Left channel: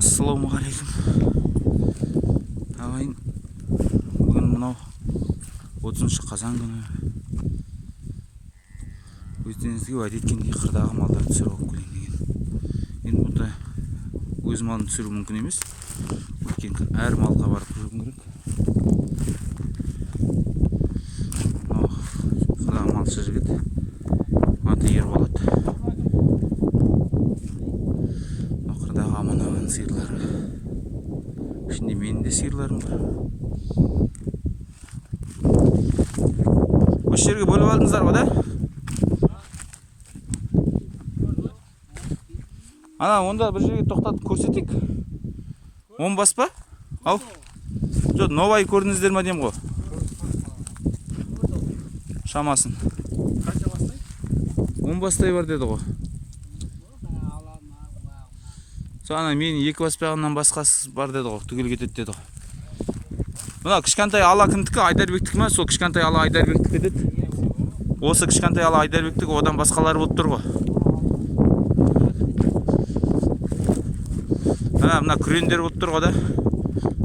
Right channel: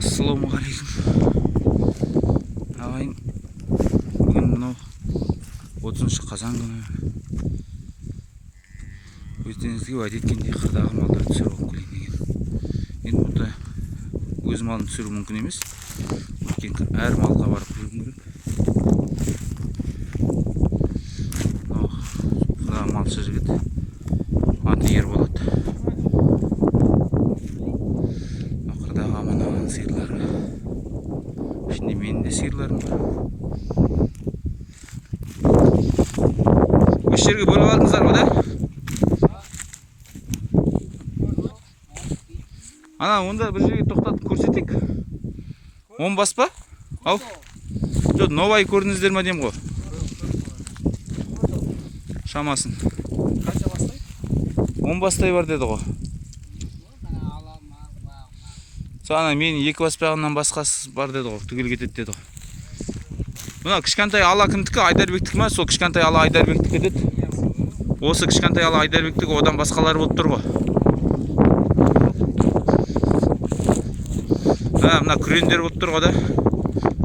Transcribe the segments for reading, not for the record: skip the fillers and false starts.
Ассалаумағалейкум. Ағайын, бүгін мынау 30 қазан күні өздеріңізге уәде еткендей қырдағы малдарды түсіріп алып келейін деген. Енді бұнда өз малын түсіру мүмкін емес. Өйткені әр малға барып көру керек. Мынау қырдағы малшы жігіт, аты Ерболат. Қырдағы аман-аман сиырлары. Ішінде менің де сиырларым бар. Осы жерге бөліп алдыңыздар ғой да? Ана, онда бір жерге тоқтатып көрсетейік. 10 бас па? Ау. Жоқ, новай көрдіңіздер ма деймін ғой. Шамасын. Қанша бастай? 10 бастай бар деді ғой. Соны менің 2 баспағынан басқасы бар деді ғой. Түгел кетеді деді ғой. Мына кішкентай ала кімдікі? Айдарбектікі ма? Сол кішкентай ала Айдарбектікі деді. Осы кішкентай ала Айдарбектікі, одан басқалары болып тұр ғой. Мына күрендер болып тұр ғой да.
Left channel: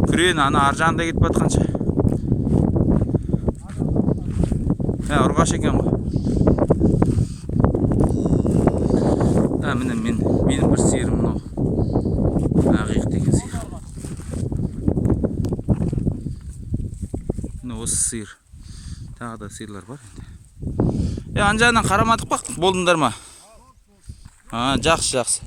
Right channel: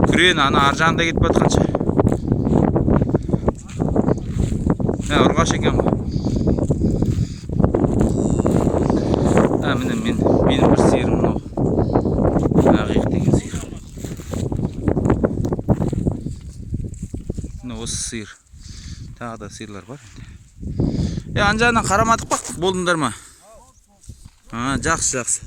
Күрен ана ар жағында кетіп жатқанша. Ұрғаш екен ғой. Менің бір сиырым мынау. Ақиық деген сиыр. Міне осы сиыр. Тағы да сиырлар бар енді. Ана жағынан қарамадық па? Болдыңдар ма? Жақсы.